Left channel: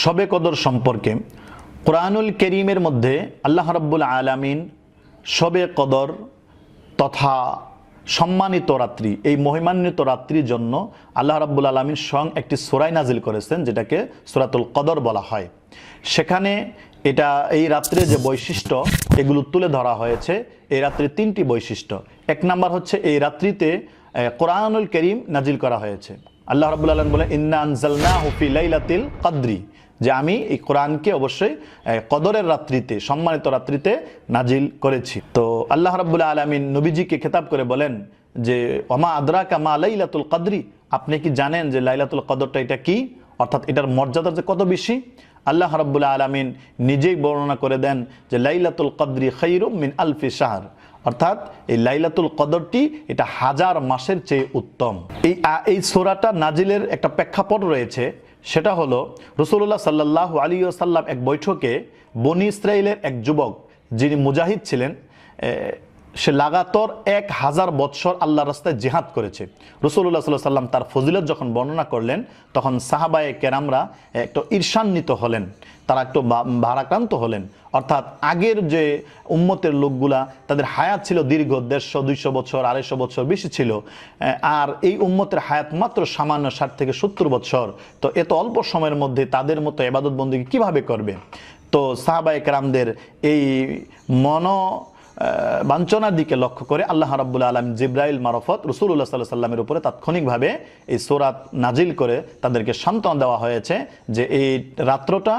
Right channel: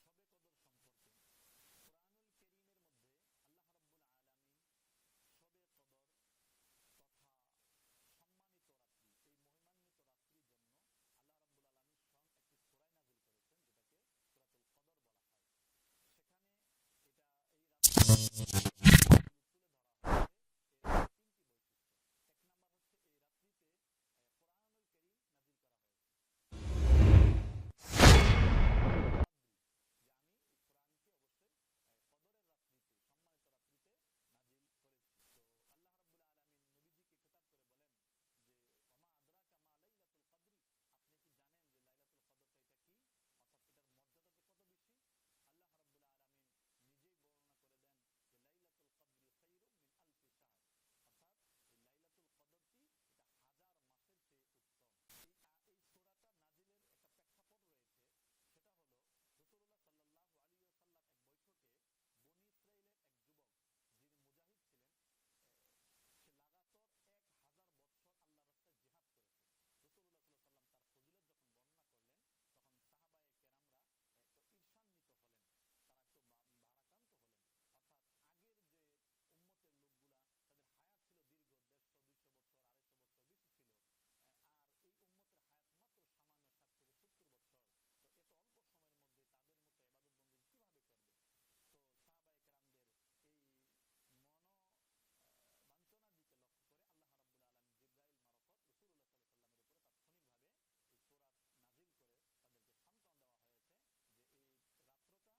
শবে কদর সম্পর্কে কোরআনুল কারীমের মধ্যে আল্লাহ রাব্বুল আলামিন শবে কদর তথা সম্মানিত রাত্রি, এই মহিমান্বিত রাত্রির জন্য আল্লাহ রাব্বুল আলামিন স্বয়ং একটি সূরা নাজিল করেছেন, যেটাকে সূরাতুল কদর বলা হয়। সেখানে এই রাত্রে যে বৈশিষ্ট্য এগুলো তুলে ধরা হয়েছে। এই রাত্রির তিনটি বৈশিষ্ট্য। এক নাম্বার হচ্ছে, এই রাত্রিতে কোরআনুল কারীম নাজিল করা হয়েছে। আল্লাহ রাব্বুল আলামিন বলেন, ইন্না আনজালনাহু ফি লাইলাতিল কদরি, যে আমি এই কোরআনকে অবশ্যই কদরের রাত্রিতে, সম্মানিত রাত্রিতে নাজিল করেছি। তো আল্লাহ রাব্বুল আলামিন নবীজিকে খেতাব করে বলেন যে ওমা আদরাকা মা লাইলাতুল কদরি, আপনি কি জানেন যে লাইলাতুল কদরটা এটা কি, অর্থাৎ এটার মর্যাদা যে কত বেশি। আল্লাহ রাব্বুল আলামিন নিজেই বর্ণনা করে দেন যে লাইলাতুল কদরি খায়রুম মিন আলফি শাহর, অর্থাৎ এই লাইলাতুল কদরটি এটা হাজার মাসের চেয়ে উত্তম। এই সূরাটা নাজিলের একটা প্রেক্ষাপট রয়েছে, সেটা হলো রাসূলুল্লাহ সাল্লাল্লাহু আলাইহি ওয়াসাল্লাম এক বৈঠকে বনি ইসরাইলের এক যুবক, যিনি মুজাহিদ ছিলেন, সে লাগাতার 1000 বৎসর আল্লাহর রাস্তায় জিহাদ করেছে। রাসূলুল্লাহ সাল্লাল্লাহু আলাইহি ওয়াসাল্লাম তার ফজিলত যখন বর্ণনা করলেন, তখন সাহাবায়ে কেরামরা একটু ঈর্ষান্বিত হলেন, তারা একটু ভারাক্রান্ত হলেন। অর্থাৎ আগের যে উম্মতের লোকগুলা, তাদের হায়াত ছিল দীর্ঘ 150-200 বছর, 250 বছর বেশি ছিল, আর এই উম্মতের হায়াত মাত্র সামান্য 60 থেকে 70 বছর। তো এত অল্প সময়ের মধ্যে তাদের মতো ইবাদত বন্দেগী কিভাবে করবে? তো সাহাবায়ে কেরামদের এই বাঞ্ছনার দিকে লক্ষ্য করে আল্লাহ রাব্বুল আলামিন জিবরাইল মারফত রাসূলুল্লাহ সাল্লাল্লাহু আলাইহি ওয়াসাল্লামের উপরে তাৎক্ষণিকভাবে এই সূরা নাজিল করে তাদেরকে সান্ত্বনা দেওয়া হয়েছে যে এই রাত্রটা,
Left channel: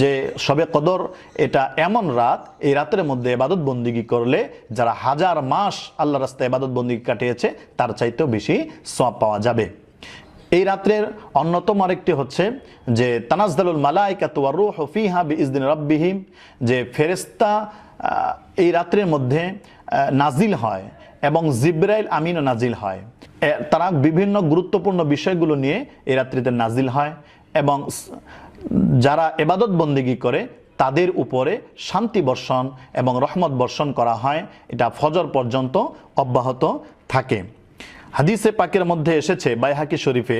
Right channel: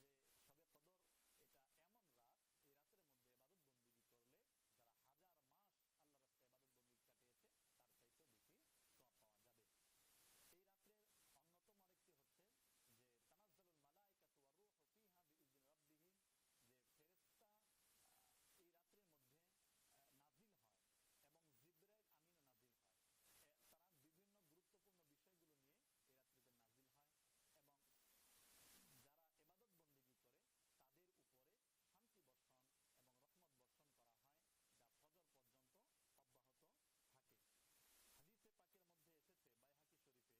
যে শবে কদর, এটা এমন রাত, এই রাতের মধ্যে ইবাদত বন্দেগী করলে যারা হাজার মাস আল্লাহর রাস্তায় ইবাদত বন্দেগী কাটিয়েছে তার চাইতেও বেশি সওয়াব পাওয়া যাবে। এই রাত্রের অন্যতম আরেকটি হচ্ছে যে তানাজ্জালুল মালায়েকাতু ওয়ার রূহু ফিহা বিইজনি রাব্বিহিম, যে ফেরেশতা এই রাত্রের মধ্যে নাজিল হয় এবং জিবরাইল আমিনও নাজিল হয়। তারা বিভিন্ন গুরুত্বপূর্ণ বিষয়গুলো নিয়ে এই রাত্রিতে নাজিল হয় এবং যারা ইবাদত বন্দেগী করে তাদের উপরে শান্তি বর্ষণ এবং রহমত বর্ষণ করা হয়। এটা ফজর পর্যন্ত অব্যাহত থাকে। হাদিসে পাকের মধ্যে এসেছে বাইহাকি শরীফে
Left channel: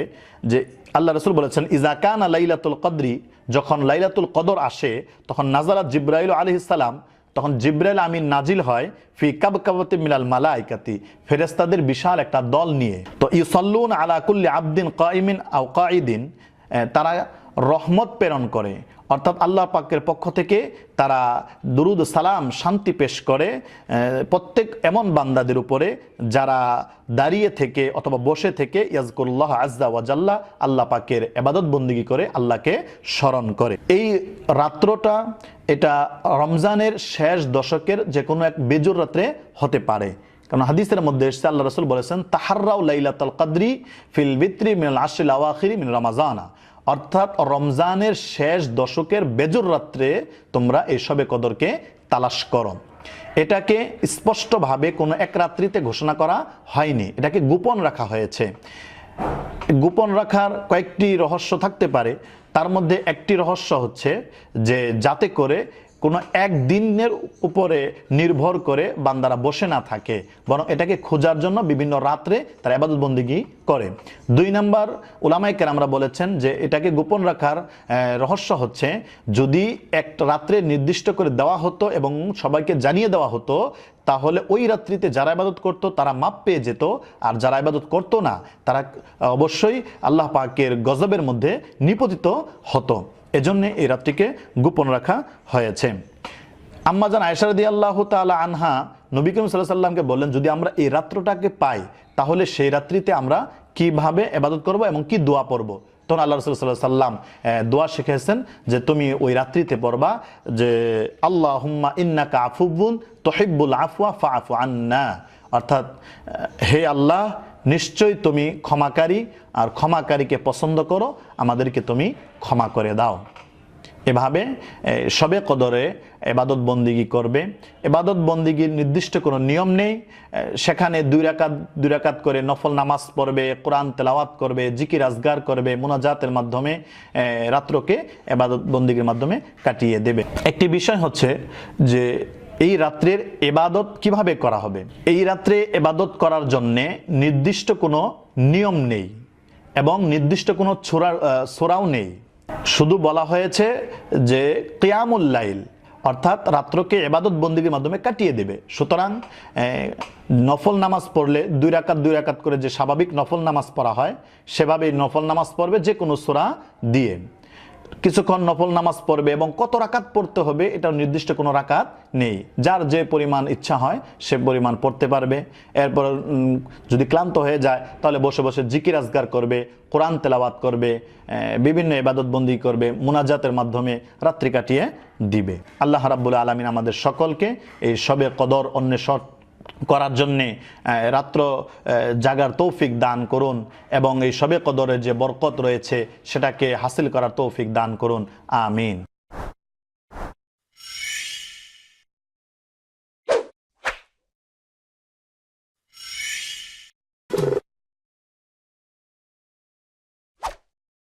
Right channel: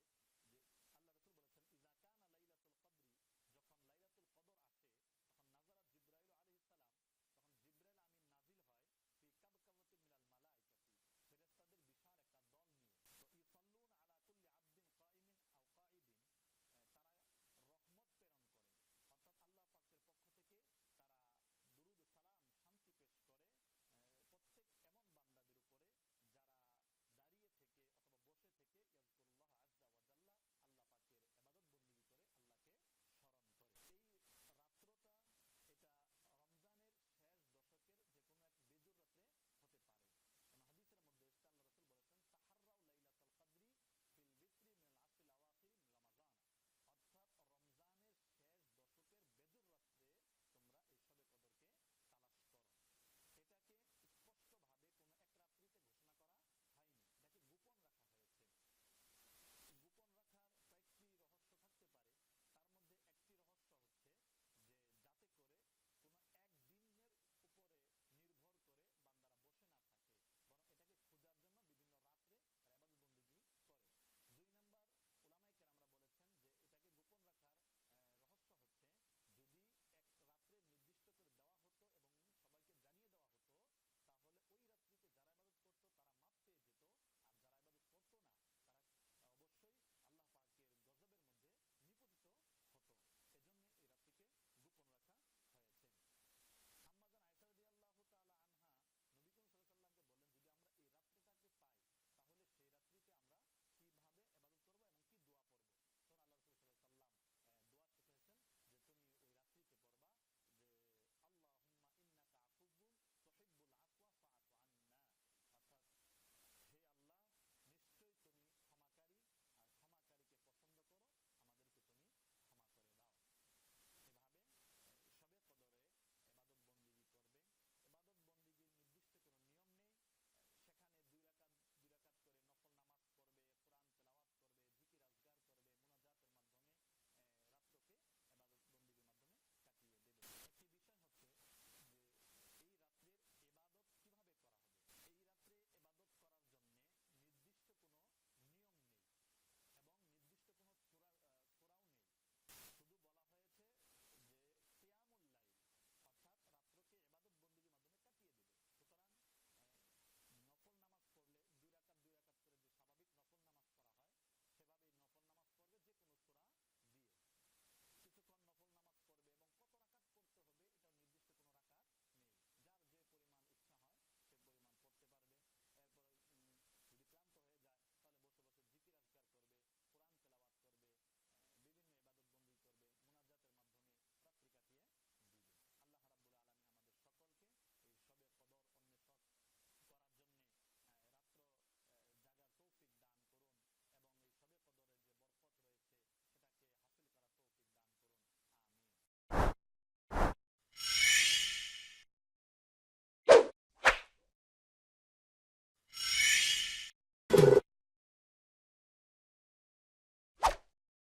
যে আল্লাহ রাসূল বলেছেন, ইজা কানা লাইলাতুল কদরি, যখন লাইলাতুল কদর আসে তখন নাজারাত জিবরাইল আলাইহিস সালাম, তখন জিবরাইল আমিন নাজিল হয় ফি কাবকাবাতি মিনাল মালাইকাতি, ফেরেশতাদের বিশাল একটা দল নিয়ে। তো ইউসাল্লুন আলা কুল্লি আবদিন কাইমিন আও কাঈদিন, তারা রহমত প্রেরণ করে, অর্থাৎ আল্লাহ পাকের পক্ষ থেকে তারা দুরুদ সালাম শান্তি পেশ করে প্রত্যেক এমন বান্দাদের উপরে যারা দাঁড়িয়ে থেকে অথবা বসে থেকে ইয়াজকুরুল্লাহ আজ্জা ওয়া জাল্লা, আল্লাহ পাকের ইবাদত বন্দেগী করে আল্লাহকে স্মরণ করে। এই রাত্রটা এটা রমজানের শেষ দশকের যে কোনো এক বেজুর রাত্রে হতে পারে, কারণ হাদিসের মধ্যে এসেছে আল্লাহ রাসূল বলেছেন, তাহাররাউ লাইলাতুল কদরি ফিল বিত্রি মিনাল আশরিল আওয়াখিরি মিন রমাজানা, অর্থাৎ রমজানের শেষ দশকের বেজুর রাত্রে তোমরা এই শবে কদরকে তালাশ করো। এটাকে স্পষ্টভাবে কোনো এক রাত্রিতে ঘোষণা করা হয়নি, এটাকে গোপন রাখা হয়েছে। গোপন রাখার কয়েকটি রহস্য থাকতে পারে। তার মধ্যে একটি রহস্য হচ্ছে যে যাতে করে কোনো একদিনের উপরে নির্ভর করে বান্দারা বসে না থাকে, বরং এটাকে খোঁজার জন্য বিভিন্ন রাত্রে তারা ইবাদত বন্দেগী করে। 2 নাম্বার, উলামায়ে কেরামরা বলেছেন যে এটাকে গোপন রাখার রহস্য হচ্ছে, যদি এক রাত্রে নির্দিষ্ট করে দেওয়া হতো এবং সবাইকে জানিয়ে দেওয়া হতো, তাহলে ওই রাত্রিতে যারা ইবাদত করতো তারা মাপ পেয়ে যেত, আর যারা ইবাদত করতো না তারা অবশ্যই আল্লাহ পাকের গজবের মধ্যে নিপতিত হতো। এজন্য এই রাত্রিকে গোপন রাখা হয়েছে। আম্মা জান আয়েশা রাদিয়াল্লাহু তাআলা আনহা নবী করিম সাল্লাল্লাহু আলাইহি ওয়াসাল্লামকে বললেন, যদি আমরা এই রাত্রটাকে পাই তাহলে সেই রাত্রিতে আমরা কিভাবে ইবাদত করব এবং কি দোয়া পড়ব। তখন আল্লাহ রাসূল সাল্লাল্লাহু আলাইহি ওয়াসাল্লাম দোয়া শিখিয়েছেন যে তুমি ওই রাত্রিতে পড়বা যে আল্লাহুম্মা ইন্নাকা আফুবুন তুহিব্বুল আফওয়া ফাআফু আন্না, অর্থাৎ হে আল্লাহ, নিশ্চয়ই তুমি ক্ষমাকারী, আর ক্ষমাকারীকে পছন্দ করো, আমাদেরকে তুমি ক্ষমা করে দাও। এভাবে শবে কদরে ইবাদত বন্দেগী করবে। ইবাদত বন্দেগীর নির্দিষ্ট কোনো নিয়ম নেই, সেখানে 2 রাকাত করে নফল নামাজ পড়বে, কোরআন তেলাওয়াত করবে, জিকির আজগার করবে, মুনাজাতের মাধ্যমে রাত্রকে ইবাদত বন্দেগীর মাধ্যমে কাটিয়ে দেবে। একটি বিষয় হচ্ছে যে এই রাত্রের ইবাদত কিভাবে করা হবে। এই রাত্রে ইবাদত করার জন্য নির্দিষ্ট কোনো নিয়ম নেই এবং নির্দিষ্ট কোনো সূরাও নেই। শুধু বলা হয়েছে যে কিয়ামুল লাইল, অর্থাৎ রাত্রকে ইবাদত বন্দিগির মাধ্যমে কাটিয়ে দেবে। সুতরাং নফল নামাজ পড়লে 2 রাকাত 2 রাকাত করে যে স্বাভাবিক নফল নামাজ পড়া হয় সেভাবেই নফল নামাজ পড়বে, যে কোনো সূরা দিয়ে কিছুক্ষণ নফল নামাজ পড়বে। এবং কত রাকাত পড়তে হবে এটা নির্দিষ্ট কোনো রাকাত নেই, যার যে পরিমাণ ইচ্ছা হয় সে পরিমাণ পড়তে পারবে। এরপর যদি ক্লান্ত হয়ে যায় তাহলে বসে বসে জিকির আজগার করবে, কোরআন তেলাওয়াত করবে, বিভিন্ন ইবাদত বন্দি করবে, মুনাজাতের মাধ্যমে রাত্রি কাটিয়ে দিবে। আল্লাহ রাব্বুল আলামিন আমাদের সকলকে এই শবে কদর অন্বেষণ করার জন্যে রাত্র জাগার তৌফিক দান করুন এবং এই শবে কদরের যে বরকত রয়েছে সেটাকে হাসিল করার তৌফিক দান করুন। আমিন।